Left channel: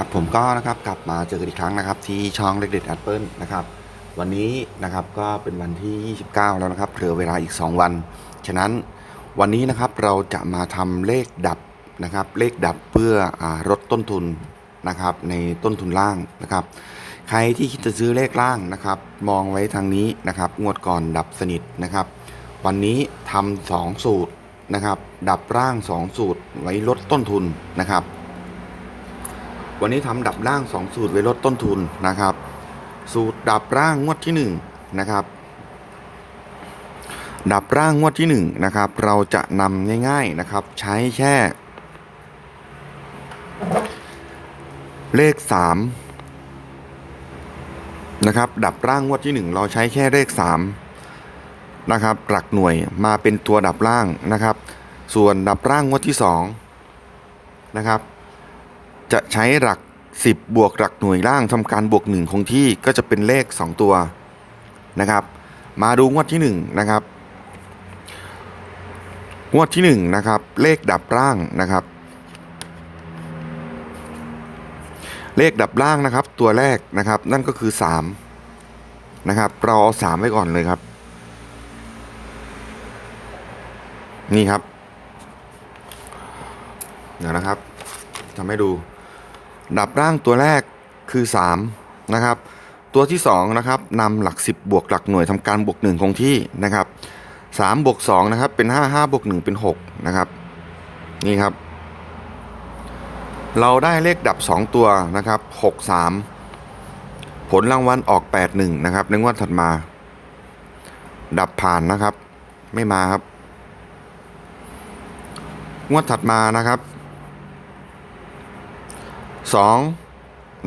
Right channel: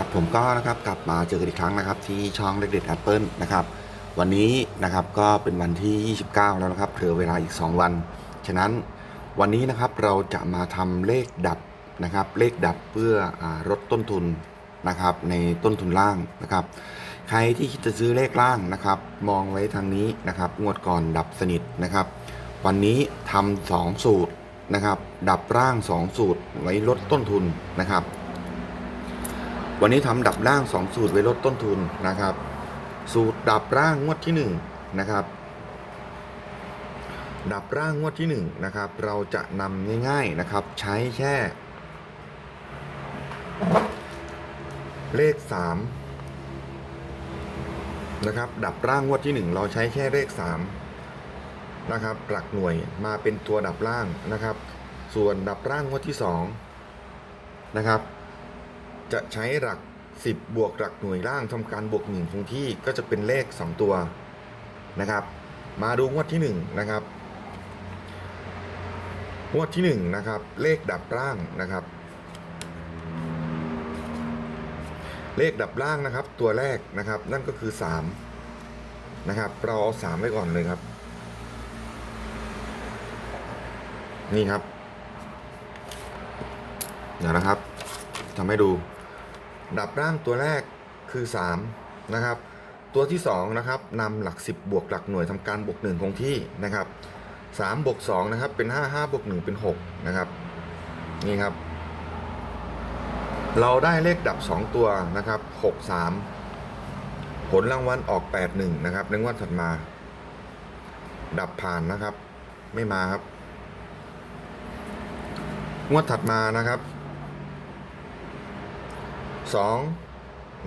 ครับผมก็นะครับกลับมาเจอกันอีกครั้งนะครับ ที่ช่องเล็กเด็ดแอปเปิลนะครับวันนี้นะครับก็เป็นวันที่ 29 แล้วนะครับเหลือเวลาอีก 2 วัน ฉะนั้นวันนี้นะครับเราจะมาทำเลขดับนะครับ เลขดับเพื่ออลดต้นทุนนะครับ ในต้นทุนล่างนะครับ ใครที่คิดจะซื้อเลขล่างนะครับ มองไว้ทางนี้นะครับงวดก่อนดับสนิทนะครับ วันนี้ทำสองสูตรนะครับ ดับร่าง 2 สูตรไว้ลดต้นทุนนะครับ วันนี้ทำดับร่าง 2 สูตรไว้ลดต้นทุนนะครับ สูตรดับร่างงวดที่ 1 นะครับ ดับร่างงวดที่ 1 นะครับ เราจะนำง่ายๆนะครับ ใช้แค่ เลข 3 นะครับ ดับร่างงวดที่ 1 เราใช้แค่เลข 3 นะครับ หลักหน่วยมาเป็นตัวดับร่างนะครับ ส่วนดับร่างงวดที่ 2 นะครับ จะใช้หลัก 10 บวกหลักหน่วยล่างทำการบวก 1 คงที่ก็จะเป็นเลข 2 ตัวนะครับ มาดูงวดที่ 1 นะครับ งวดที่ 1 นะครับ เลขดับร่างนะครับ เลขดับล่างนะครับ ตัวแรกนะครับ นั่นก็คือ 3 นะครับ เราเอา3ไว้ก่อนเลยครับ นี่ครับ เดี๋ยวนะครับทำให้ดู ดับร่างตัวแรกคือ 3 นะครับ ตัวที่2นะครับนำหลัก 10 บวกหลักหน่วยทำการบวก1คงที่นะครับ3บวก2นะครับเป็น 5 5บวก1เป็น 6 นะครับนี่ครับ เราได้เลขดับ 2 ตัวนะครับ6 3 ผลรางวัลออก 8 1 นะครับในงวดถัดมา ดับผ่านนะครับ ไม่มาครับ งวดถัดมานะครับ สอง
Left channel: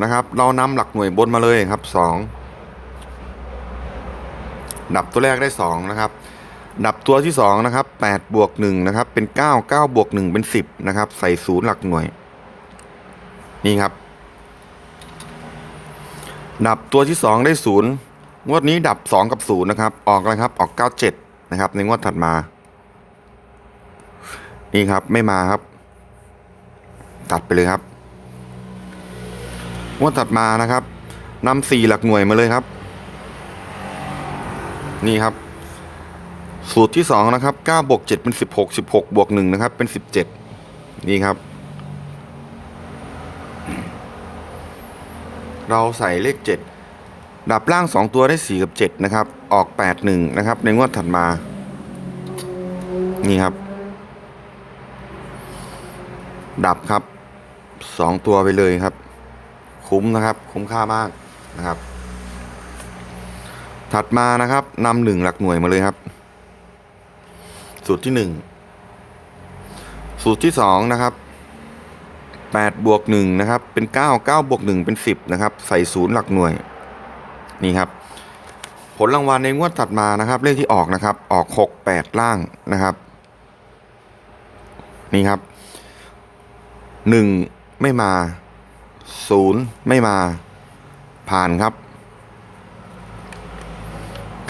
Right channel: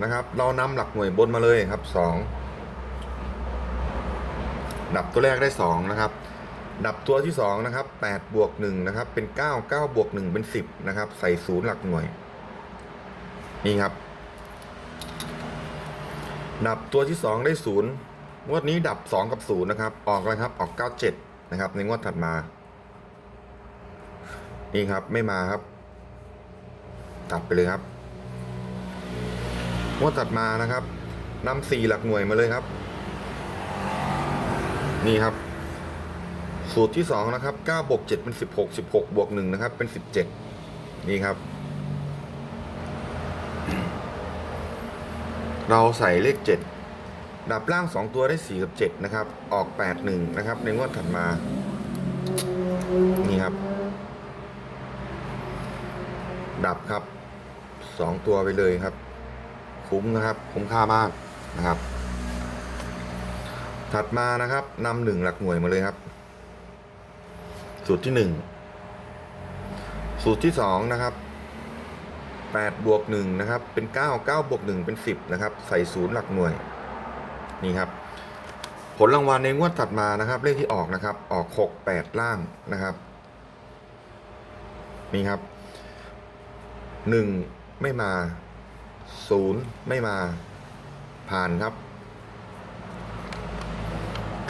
นะครับ เรานำหลักหน่วยบนมาเลยครับสองดับตัวแรกได้สองนะครับ ดับตัวที่สองนะครับแปดบวกหนึ่งนะครับ เป็นเก้าเก้าบวกหนึ่งเป็นสิบนะครับ ใส่ศูนย์หลักหน่วย นี่ครับ ดับตัวที่สองได้ศูนย์งวดนี้ดับสองกับศูนย์นะครับ ออกอะไรครับ ออกเก้าเจ็ดนะครับ ในงวดถัดมา นี่ครับ ไม่มาครับ ตัดไปเลยครับ งวดตัดมานะครับนำสี่หลักหน่วยมาเลยครับ นี่ครับ สูตรที่สองนะครับเก้าบวกเจ็ดเป็นสิบหกสิบหกบวกหนึ่งนะครับ เป็นสิบเจ็ดนี่ครับ เราใส่เลขเจ็ดดับล่างสองตัวได้สี่กับเจ็ดนะครับ ออกแปดหนึ่งนะครับ ในงวดถัดมา นี่ครับ ดับครับสองตัวไปเลยครับ คุ้มนะครับ คุ้มค่ามากนะครับ ถัดมานะครับนำหนึ่งหลักหน่วยมาเลยครับ สูตรที่หนึ่งสูตรที่สองนะครับแปดบวกหนึ่งนะครับ เป็นเก้าเก้าบวกหนึ่งเป็นสิบนะครับ ใส่ศูนย์หลักหน่วย นี่ครับ ผลรางวัลในงวดถัดมานะครับ เลขที่ออกนะครับ ออกหกแปดล่างนะครับ นี่ครับหนึ่งไม่มา ศูนย์ไม่มาผ่านครับ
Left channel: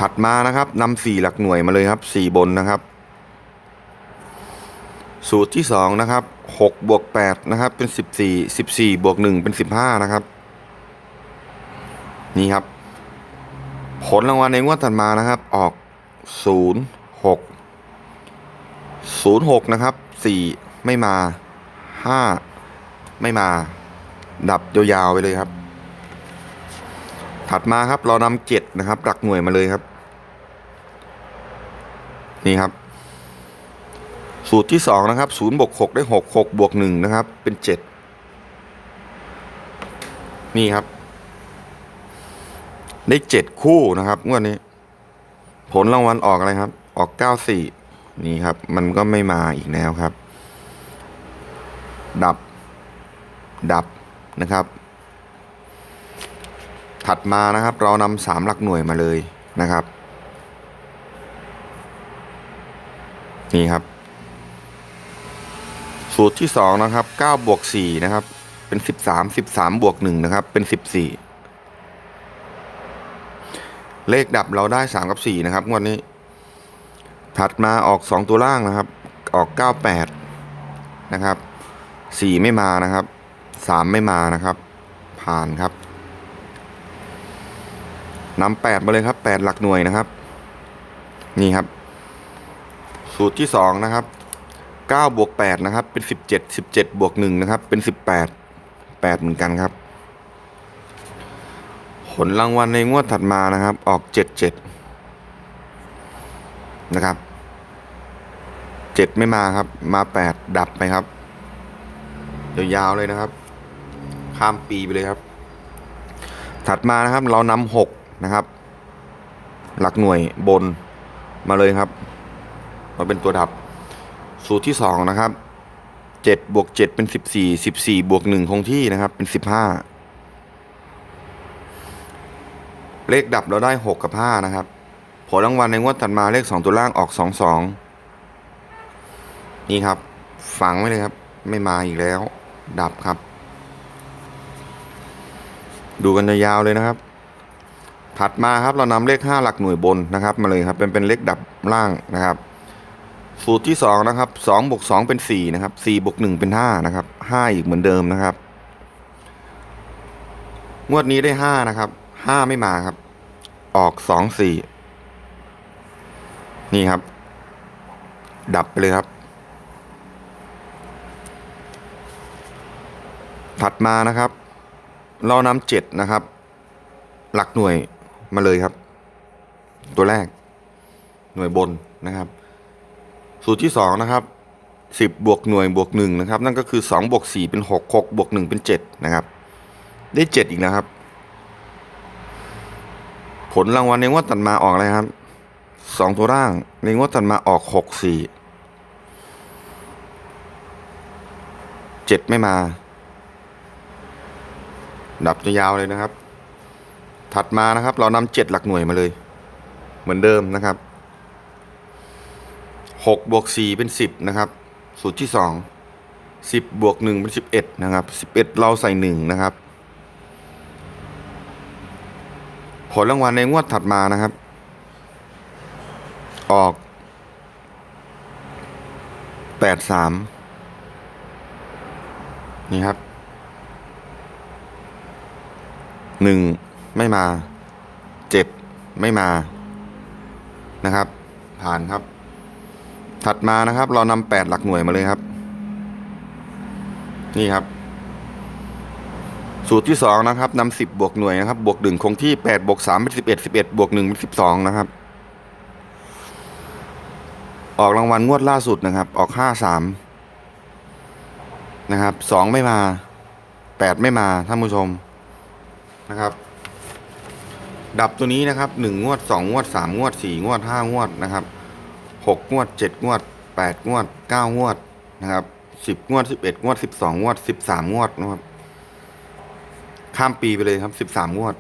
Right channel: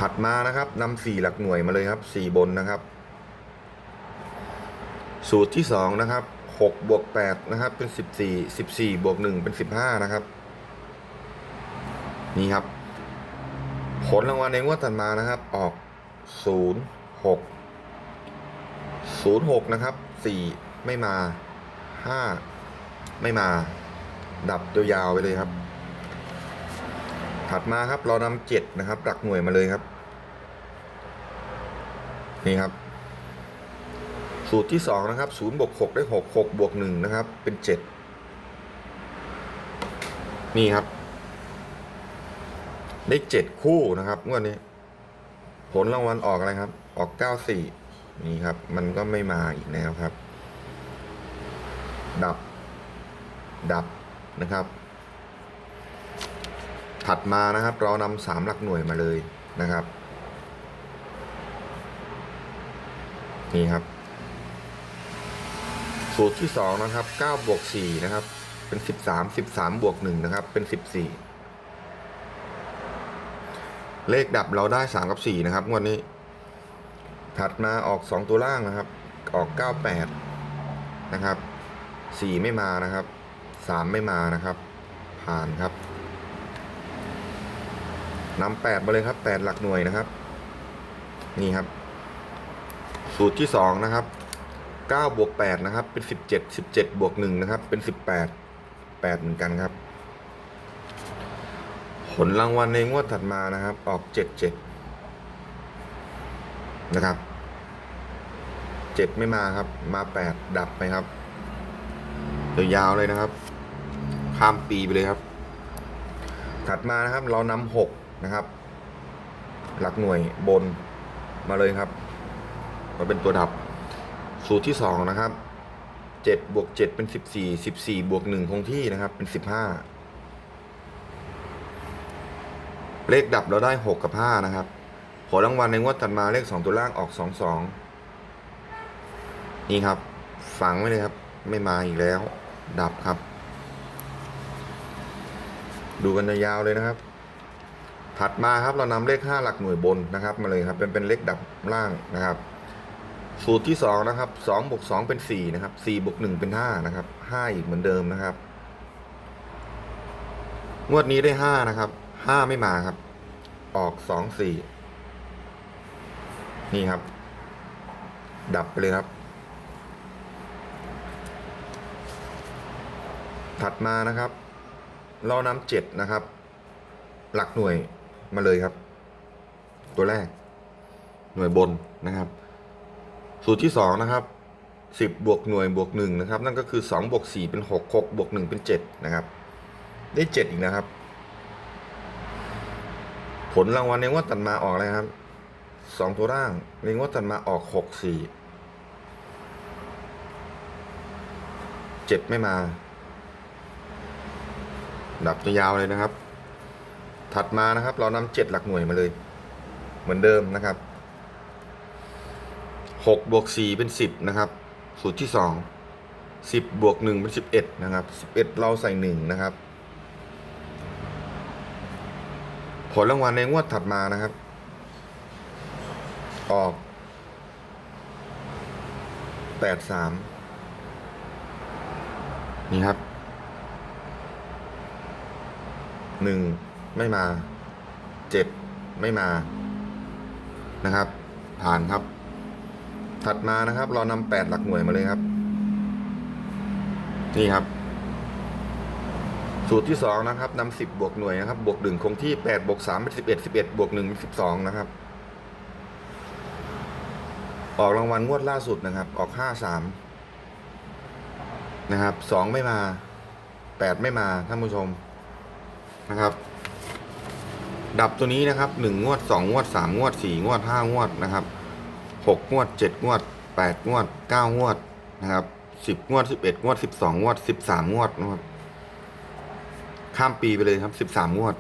ถัดมานะครับนำสี่หลักหน่วยมาเลยครับสี่บนนะครับ สูตรที่สองนะครับหกบวกแปดนะครับ เป็นสิบสี่สิบสี่บวกหนึ่งเป็นสิบห้านะครับ นี่ครับ ผลรางวัลในงวดถัดมานะครับ ออกศูนย์หกศูนย์หกนะครับสี่ไม่มาห้าไม่มา ดับยาวๆไปเลยครับ ถัดมาครับเรานำเจ็ดนะครับ หลักหน่วยมาเลยครับ นี่ครับ สูตรที่สองนะครับศูนย์บวกหกได้หกหกบวกหนึ่งนะครับ เป็นเจ็ดนี่ครับ ได้เจ็ดคู่นะครับงวดนี้ ผลรางวัลออกอะไรครับ ออกเก้าสี่นี่ครับ มันก็ไม่มาอีกแล้วครับ ดับ ดับ นะครับ ถัดมานะครับเรานำสามหลักหน่วยมาเลยนะครับนี่ครับ สูตรที่สองนะครับเก้าบวกสี่นะครับ เป็นสิบสามสิบสามบวกหนึ่งนะครับ เป็นสิบสี่เลขดับเราได้สามกับสี่นะครับงวดนี้ ถัดมาออกสองตัวล่างนะครับ ออกเก้าแปดนะครับสี่ไม่มานะครับ สามไม่มานะครับ ผ่านครับนำแปดมาเลยครับแปดหลักหน่วยนะครับ นี่ครับ สูตรที่สองนะครับเก้าบวกแปดนะครับ เป็นสิบเจ็ดสิบเจ็ดบวกหนึ่งนะครับ เป็นสิบแปดแปดเหมือนกันครับ ผลรางวัลในงวดถัดมานะครับ ออกเจ็ดเจ็ดนะครับเจ็ดไม่มาครับ มาแปดดับไปครับยาวๆเลยนะครับ ข้ามปีไปเลยครับ ถัดมานะครับเรานำหกนะครับ หลักหน่วยบนมาเลยครับ มาเป็นตัวดับ สูตรที่สองนะครับเจ็ดบวกเจ็ดเป็นสิบสี่สิบสี่บวกหนึ่งคงที่นะครับ เป็นสิบห้าเลขดับเราได้หกกับห้านะครับผลรางวัลในงวดถัดมาเลขสองตัวล่างออกสองสองนี่ครับ ฝังไว้เลยครับ ไม่มาอีกแล้ว ดับครับ ดูกันยาวๆเลยนะครับ ถัดมาครับเรานำเลข 5 หลักหน่วยบนนะครับ มาเลยครับเป็นเป็นเลขดับล่างนะครับ สูตรที่ 2 นะครับ2บวก2เป็น 4 นะครับ4บวก1เป็น 5 นะครับ 5 อีกเหมือนเดิมนะครับ งวดนี้ได้ 5 นะครับ 5 ไม่มาครับ ออก 2 4 นี่ครับ ดับไปเลยครับถัดมานะครับ เรานำเจ็ดนะครับ หลักหน่วยมาเลยครับ ตัวแรก หน่วยบนนะครับ สูตรที่สองนะครับสิบบวกหน่วยบวกหนึ่งนะครับ นั่นก็คือสองบวกสี่เป็นหกหกบวกหนึ่งเป็นเจ็ดนะครับ ได้เจ็ดอีกนะครับ ผลรางวัลในงวดตัดมาออกอะไรครับสองตัวร่างในงวดตัดมาออกหกสี่เจ็ดไม่มา ดับจะยาวเลยนะครับ ถัดมานะครับ เรานำเจ็ดหลักหน่วยมาเลย เหมือนเดิมนะครับหกบวกสี่เป็นสิบนะครับ สูตรที่สองสิบบวกหนึ่งเป็นสิบเอ็ดนะครับสิบเอ็ดเราใส่หนึ่งนะครับ ผลรางวัลในงวดถัดมานะครับ ออกแปดสามนี่ครับ หนึ่งไม่มาเจ็ดไม่มานะครับ ผ่านครับ ถัดมานะครับ เรานำแปดหลักหน่วยมาเลยครับ นี่ครับ สูตรที่สองนะครับนำสิบบวกหน่วยนะครับ บวกหนึ่งคงที่แปดบวกสามเป็นสิบเอ็ดสิบเอ็ดบวกหนึ่งเป็นสิบสองนะครับ ออกรางวัลงวดล่าสุดนะครับ ออกห้าสามนะครับสองไม่มาแปดไม่มาท่านผู้ชม นะครับ ดับตัวนี้นะครับหนึ่งงวดสองงวดสามงวดสี่งวดห้างวดนะครับหกงวดเจ็ดงวดแปดงวดเก้างวดนะครับสิบงวดสิบเอ็ดงวดสิบสองงวดสิบสามงวดนะครับ ข้ามปีไปเลยครับสิบสามงวด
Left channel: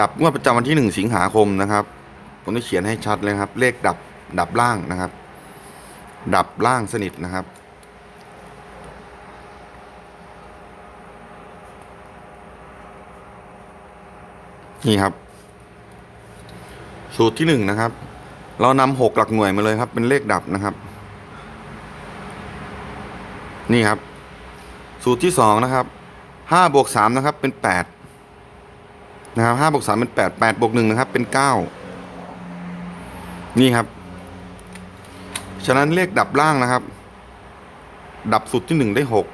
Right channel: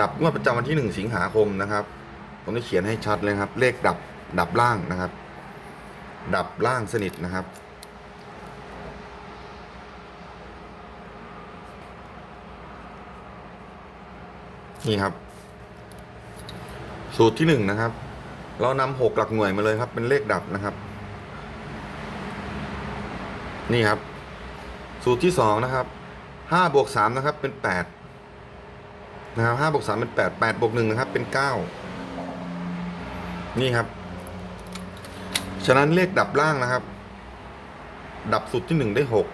ดับงวดประจำวันที่หนึ่งสิงหาคมนะครับ ผมได้เขียนให้ชัดเลยครับ เลขดับดับล่างนะครับ ดับล่างสนิทนะครับ นี่ครับ สูตรที่หนึ่งนะครับ เรานำหกหลักหน่วยมาเลยครับ เป็นเลขดับนะครับ นี่ครับ สูตรที่สองนะครับห้าบวกสามนะครับ เป็นแปดนะครับห้าบวกสามเป็นแปดแปดบวกหนึ่งนะครับ เป็นเก้านี่ครับ ฉะนั้นเลขดับล่างนะครับ ดับสูตรที่หนึ่งได้หก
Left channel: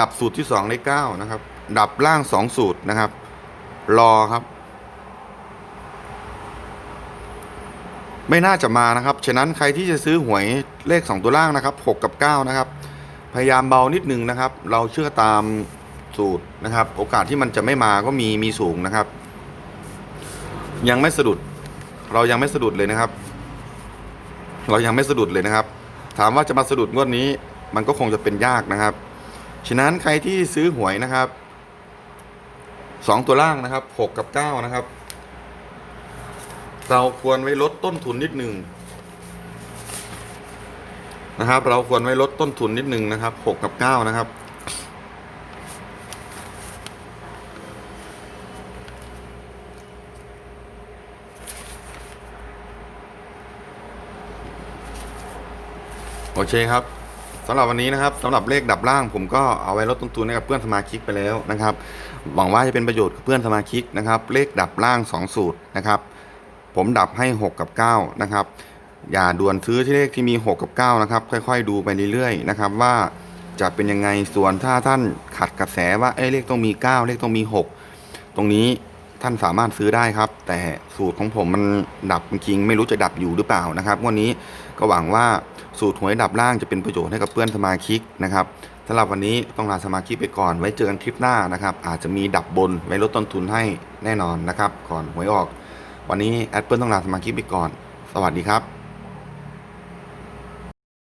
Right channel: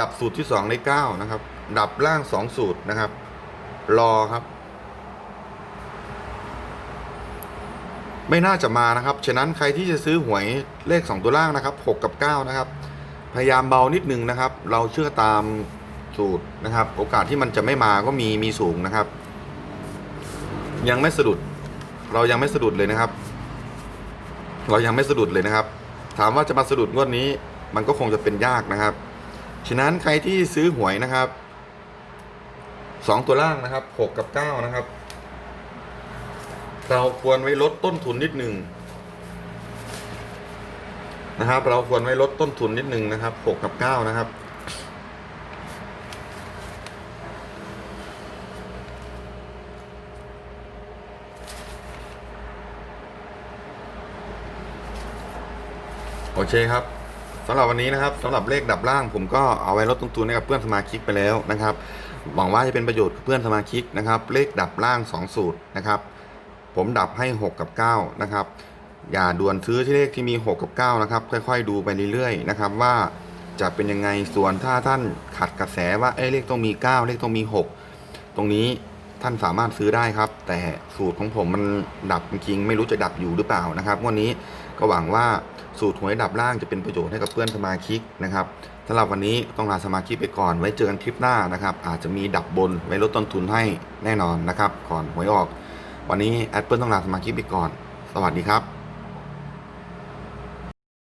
ดับสูตรที่สองได้เก้านะครับ ดับล่างสองสูตรนะครับ รอครับ ไม่น่าจะมานะครับ ฉะนั้นใครที่จะซื้อหวยเลขสองตัวล่างนะครับหกกับเก้านะครับ พยายามเบานิดนึงนะครับ เราเชื่อตามสูตรนะครับ โอกาสที่มันจะไม่มาก็มีมีสูงนะครับ ยังไม่สะดุด เรายังไม่สะดุดเลยนะครับ เรายังไม่สะดุดเลยนะครับ ถามว่าจะมาสะดุดงวดนี้ มันก็คงจะเป็นยากนะครับ ฉะนั้นใครที่ซื้อหวยนะครับ สองตัวล่างนะครับหกกับเก้านะครับ เราควรไว้ลดต้นทุนนิดหนึ่งนะครับ เราควรไว้ลดต้นทุนนิดหนึ่งนะครับหกกับเก้านะครับโอเคครับำหรับวันนี้นะครับสำหรับเลขดับล่างผมก็เอาไว้ลดต้นทุนให้กับเพื่อนสมาชิกไปแล้วนะครับ หวังว่าจะเป็นประโยชน์กับเพื่อนสมาชิกนะครับ เลขดับล่าง 2 สูตรนะครับ ผมดับให้ 6 กับ 9 นะครับ อย่าด่วนซื้อที่เลขที่มี 6 กับ 9 นะครับ ค่อย ๆ ดูไปเรื่อยๆนะครับว่าจะเป็นยังไงส่วนถ้าท่านขัดกระแสว่าเอ้เลขต้องมี 9 เลขต้องมี 6 ตรงนี้ ท่านสามารถซื้อได้ครับ แต่สูตรของผมมันดับจริงไม่รู้จะดับอยู่หรือเปล่านะครับ วันนี้ก็หวังว่าสูตรหวยดับล่างจะเป็นประโยชน์ให้กับเพื่อนสมาชิกนะครับสำหรับวันนี้ต้องลาสมาชิกไปก่อนไว้เจอกันคลิปหน้านะครับ อาจจะมีดับบนไว้ลดต้นทุนให้แน่นอนนะครับ ก่อนหวยออก วันนี้แอดเปิลต้องลาสมาชิกไปก่อน สวัสดีครับ